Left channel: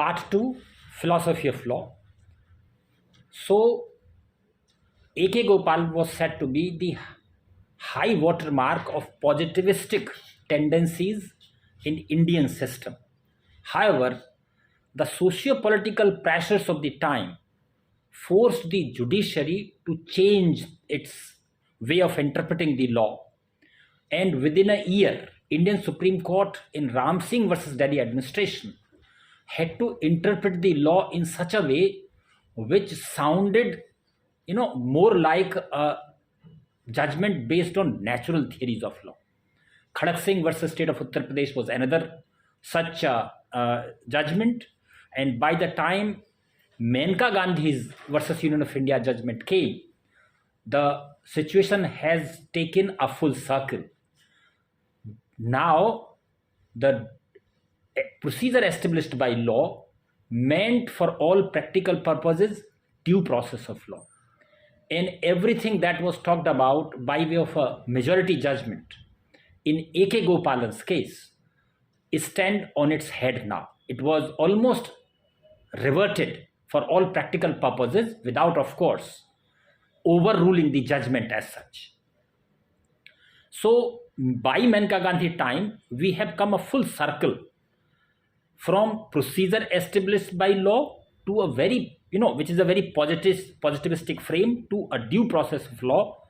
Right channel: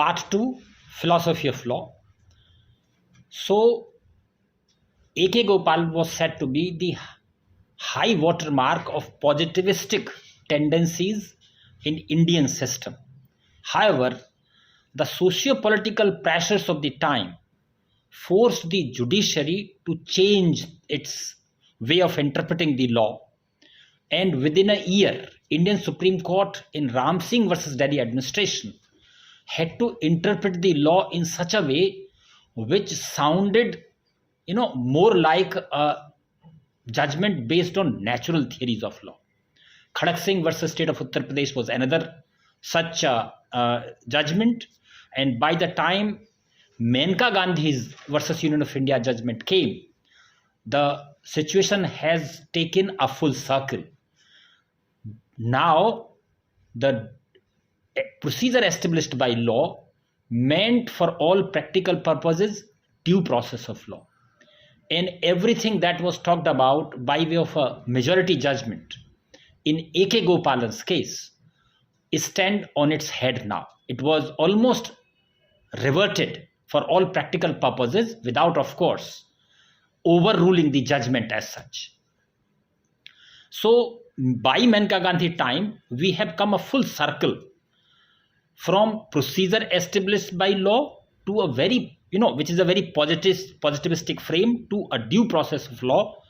Part 2, Philosophy of Law. So, A.K. Gopal was said to be the high watermark of positivistic tendencies in Indian system. However, the socio-political pressures of the time forced the judiciary to change its way of interpreting the law. And within a year, Indian Supreme Court in Ram Singh versus Delhi administration had to interpret the law in such a way which sounded, more like a judgment based on natural theories of law. Khadak Singh versus State of Uttar Pradesh was another such judgment. And by the time Menka Gandhi's versus Union of India judgment came, the situation has taken a full circle. Now, the procedure established by law meant for all practical purposes due process of law. And everything that was talked about by way of a majority judgment in A.K. Gopalan's case stand on its head now. It was almost reverted for all practical purposes without, of course, overruling the judgment as such. So, by Menka Gandhi time, we have come a full circle from procedure established by law to a very, which is a very positivistic frame, to a due process of law,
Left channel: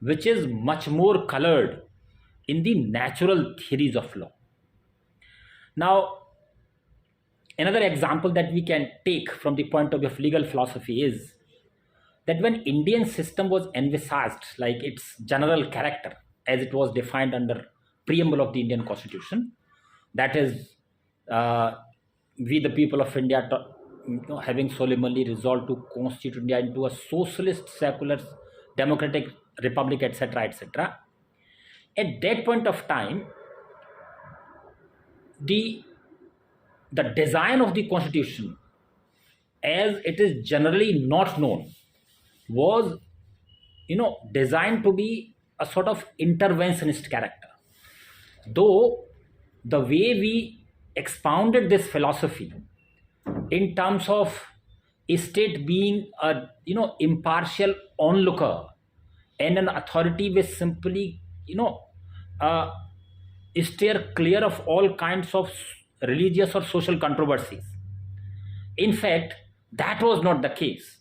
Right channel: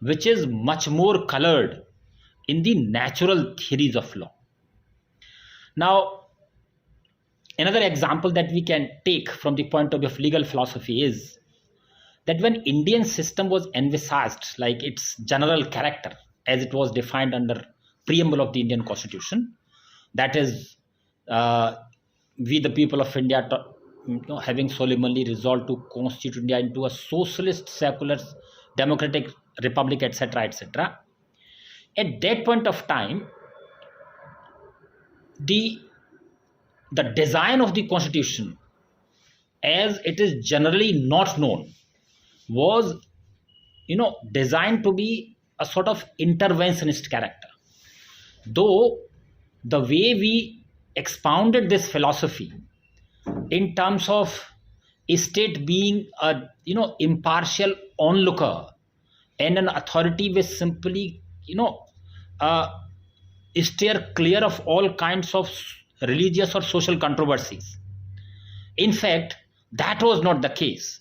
which is much more colored in the natural theories of law. Now, another example that we can take from the point of view of legal philosophy is that when Indian system was envisaged, like its general character as it was defined under preamble of the Indian Constitution, that is, we the people of India having solemnly resolved to constitute India into a socialist, secular, democratic republic, etc., etc. At that point of time, the design of the Constitution, as it is generally not known, was designed to be a sort of interventionist character. Though the way we expounded this philosophy in terms of a state being a impartial onlooker and an authority which simply steer clear of all kinds of religious or social controversies. In fact, that was not the case.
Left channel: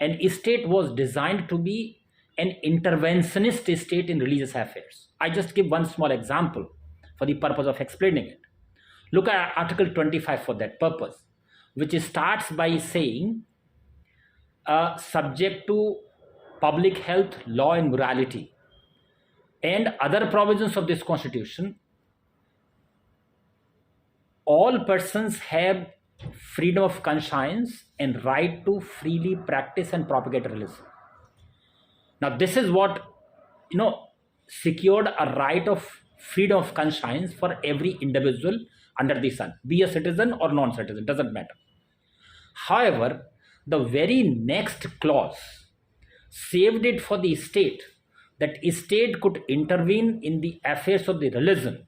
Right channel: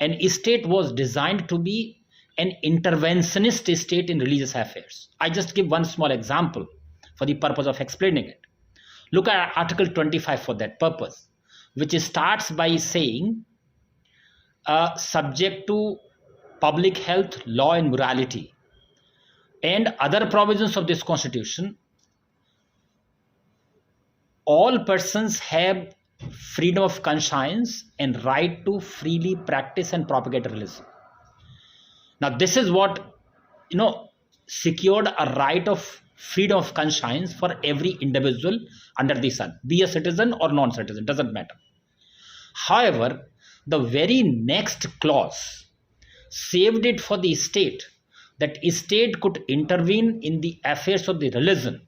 An state was designed to be an interventionist state in religious affairs. I just give one small example for the purpose of explaining it. Look at Article 25 for that purpose, which starts by saying, subject to public health, law and morality, and other provisions of this Constitution, all persons have freedom of conscience and right to freely practice and propagate religion. Now, this is what, secured a right of freedom of conscience for every individual under the sun, be a citizen or non-citizen, doesn't matter. However, the very next clause saved it for the state, that state could intervene in the affairs of the religion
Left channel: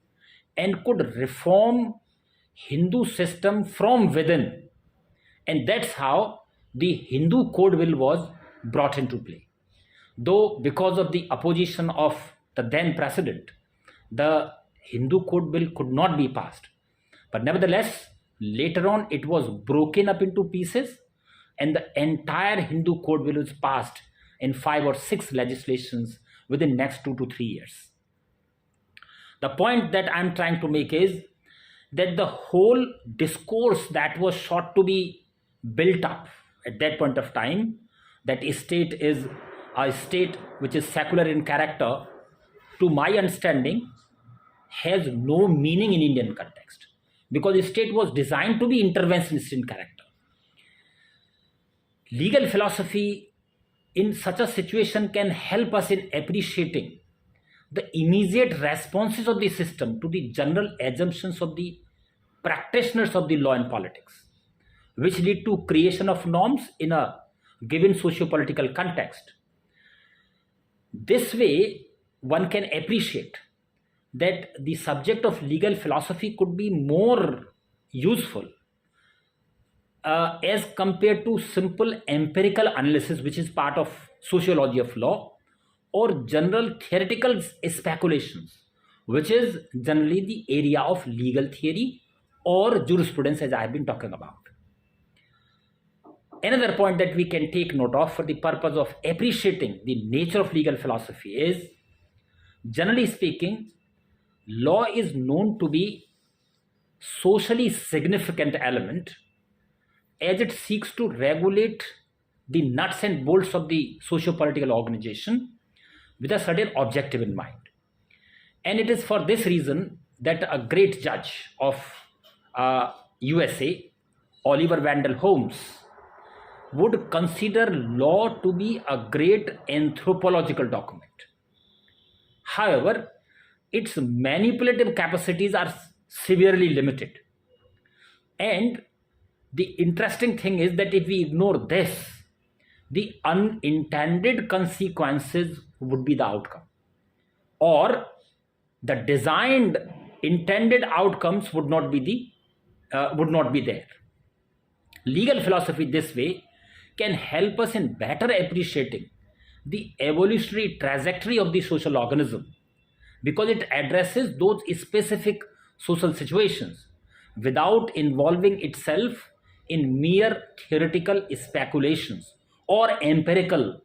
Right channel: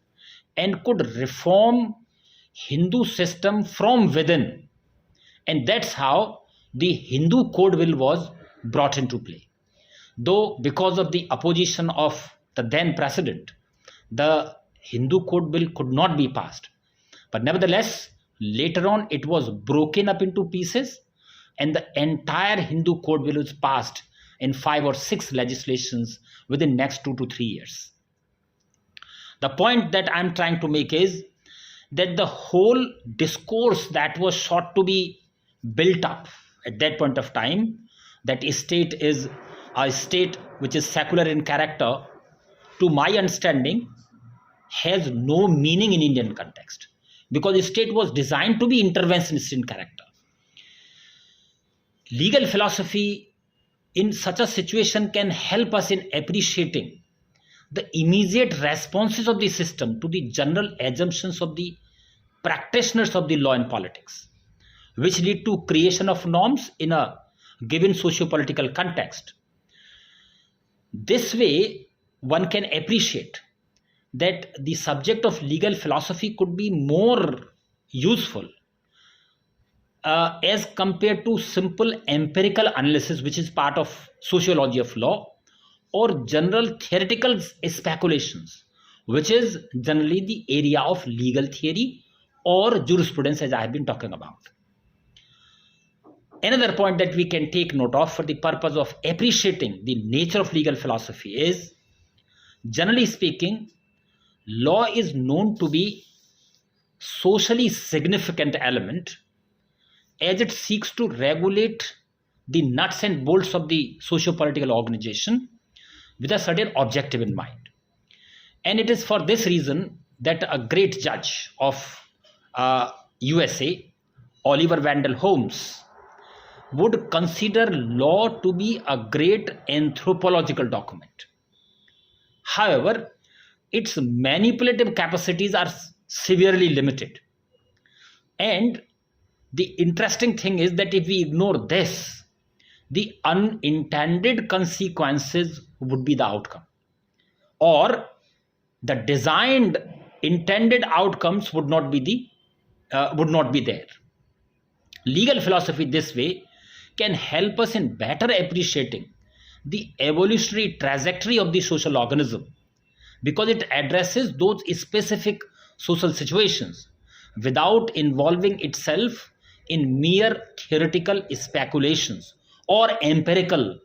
and could reform Hindu system from within. And that's how the Hindu Code Bill was brought into play. Though because of the opposition of the then president, the Hindu Code Bill could not be passed. But nevertheless, later on it was broken up into pieces and the entire Hindu Code Bill was passed in 5 or 6 legislations within next 2 to 3 years. The point that I'm trying to make is that the whole discourse that was sought to be built up at that point of time, that a state is a state which is secular in character, to my understanding, has no meaning in Indian context, because the state was designed to be interventionist in character. Legal philosophy in such a situation can help us in appreciating the immediate responses of the system to the general assumptions of the practitioners of the law and politics, which lead to creation of norms in a given socio-political context. This way, one can appreciate that the subject of legal philosophy could be more useful as compared to simple empirical analysis, which is part of sociology of law, or general theoretical speculations, which is generally the area of legal theory or jurisprudence, as I have been talking about. Another point that we can take note of for the purpose of appreciating the nature of legal philosophy is, generally speaking, law is known to be socially significant element as it seeks to regulate the nuts and bolts of the socio-political organization with a certain objective in mind. And it is for this reason that a great judge of USA, Oliver Wendell Holmes, would consider law to be a great anthropological document. However, its manipulative capacities are severely limited. And the interesting thing is that if we ignore this, the unintended consequences would be the outcome, or the designed intended outcomes would not be there. Legal philosophy this way can help us in better appreciating the evolutionary trajectory of the social organism, because it addresses those specific social situations without involving itself in mere theoretical speculations or empirical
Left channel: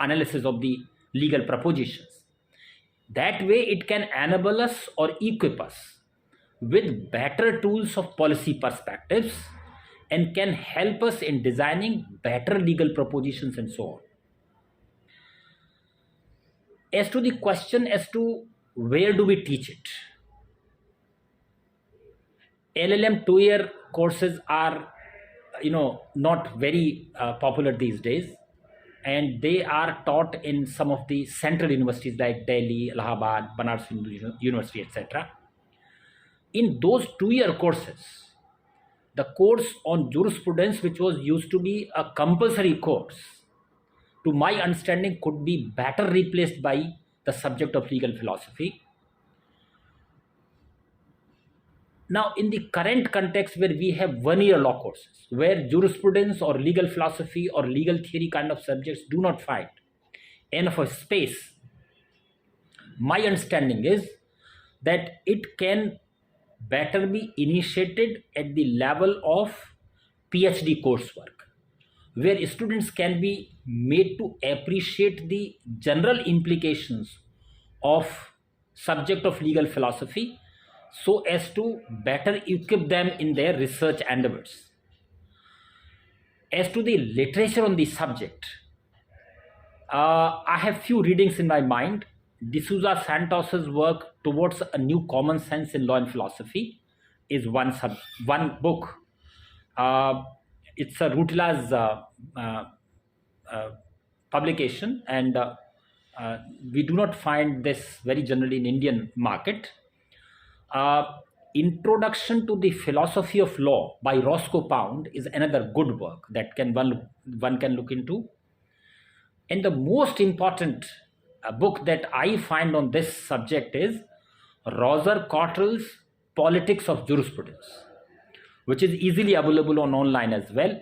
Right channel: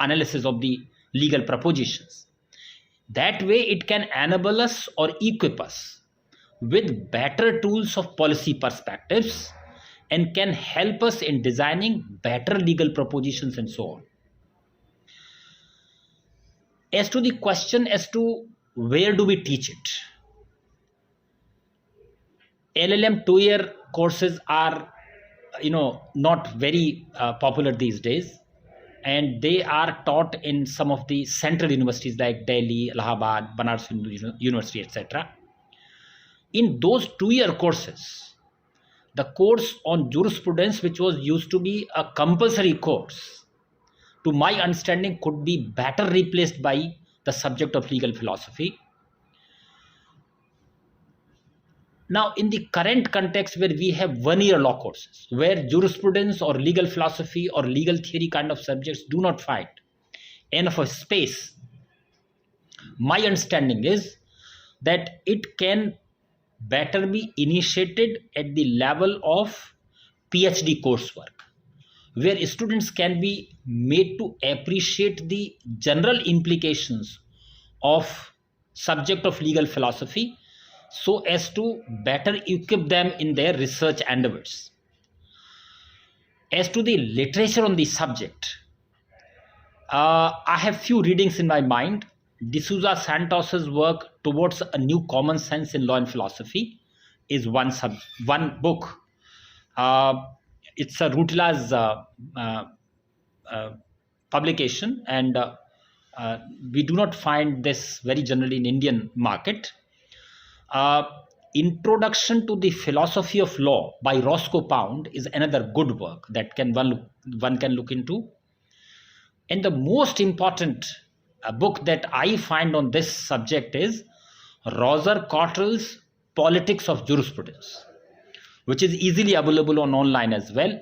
analysis of the legal propositions. That way it can enable us or equip us with better tools of policy perspectives and can help us in designing better legal propositions and so on. As to the question as to where do we teach it, LLM 2-year courses are not very popular these days, and they are taught in some of the central universities like Delhi, Allahabad, Banaras University, etc. In those 2-year courses, the course on jurisprudence, which was used to be a compulsory course, to my understanding could be better replaced by the subject of legal philosophy. Now, in the current context where we have 1-year law courses, where jurisprudence or legal philosophy or legal theory kind of subjects do not find enough of space, my understanding is that it can better be initiated at the level of PhD coursework, where students can be made to appreciate the general implications of subject of legal philosophy so as to better equip them in their research endeavors. As to the literature on the subject, I have few readings in my mind. D'Souza Santos's work Towards a New Common Sense in Law and Philosophy is one book. It's a Rutila's publication, and we do not find this very generally in Indian market. Introduction to the Philosophy of Law by Roscoe Pound is another good work that one can look into. And the most important book that I find on this subject is Roger Cottrell's Politics of Jurisprudence, which is easily available on online as well.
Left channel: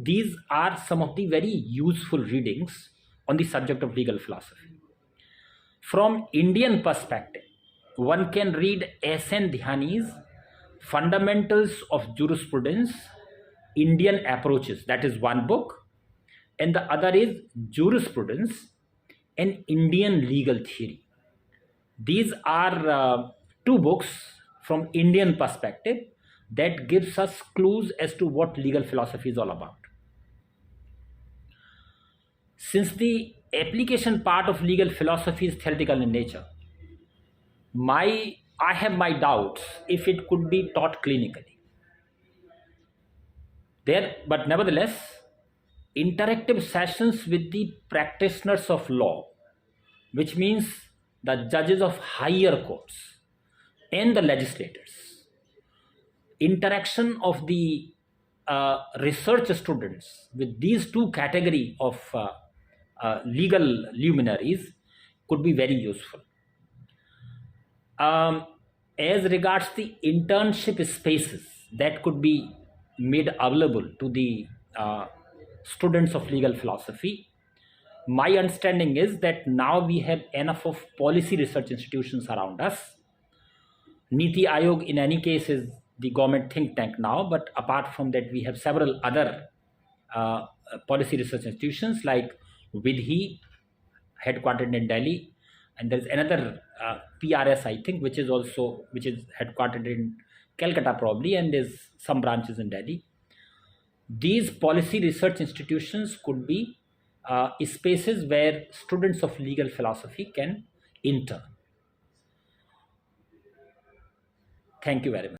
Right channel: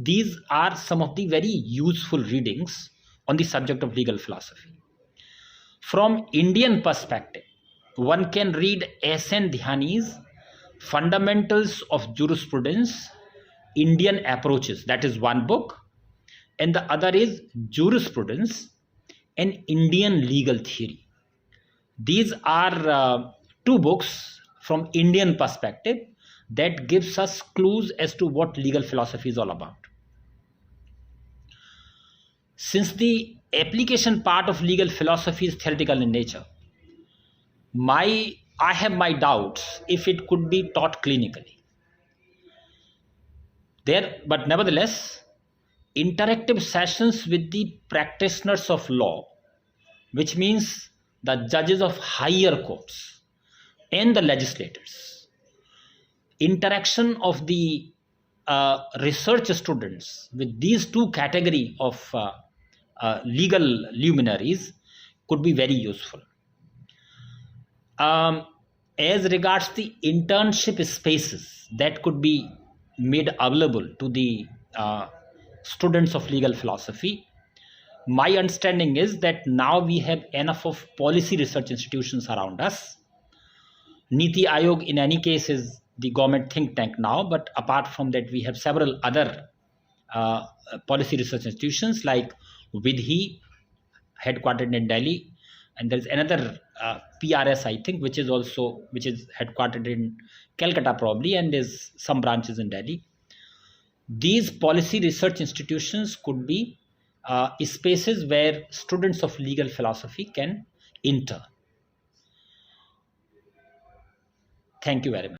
These are some of the very useful readings on the subject of legal philosophy. From Indian perspective, one can read S.N. Dhyani's Fundamentals of Jurisprudence, Indian Approaches. That is one book. And the other is Jurisprudence and Indian Legal Theory. These are two books from Indian perspective that gives us clues as to what legal philosophy is all about. Since the application part of legal philosophy is theoretical in nature, I have my doubts if it could be taught clinically. But nevertheless, interactive sessions with the practitioners of law, which means the judges of higher courts and the legislators, interaction of the research students with these two categories of legal luminaries could be very useful. As regards the internship spaces that could be made available to the students of legal philosophy. My understanding is that now we have enough of policy research institutions around us. Niti Aayog, in any case, is the government think tank now, but apart from that, we have several other uh, policy research institutions like Vidhi, headquartered in Delhi, and there's another PRS, I think, which is headquartered in Calcutta probably, and there's some branches in Delhi. These policy research institutions could be spaces where students of legal philosophy can enter. Thank you very much.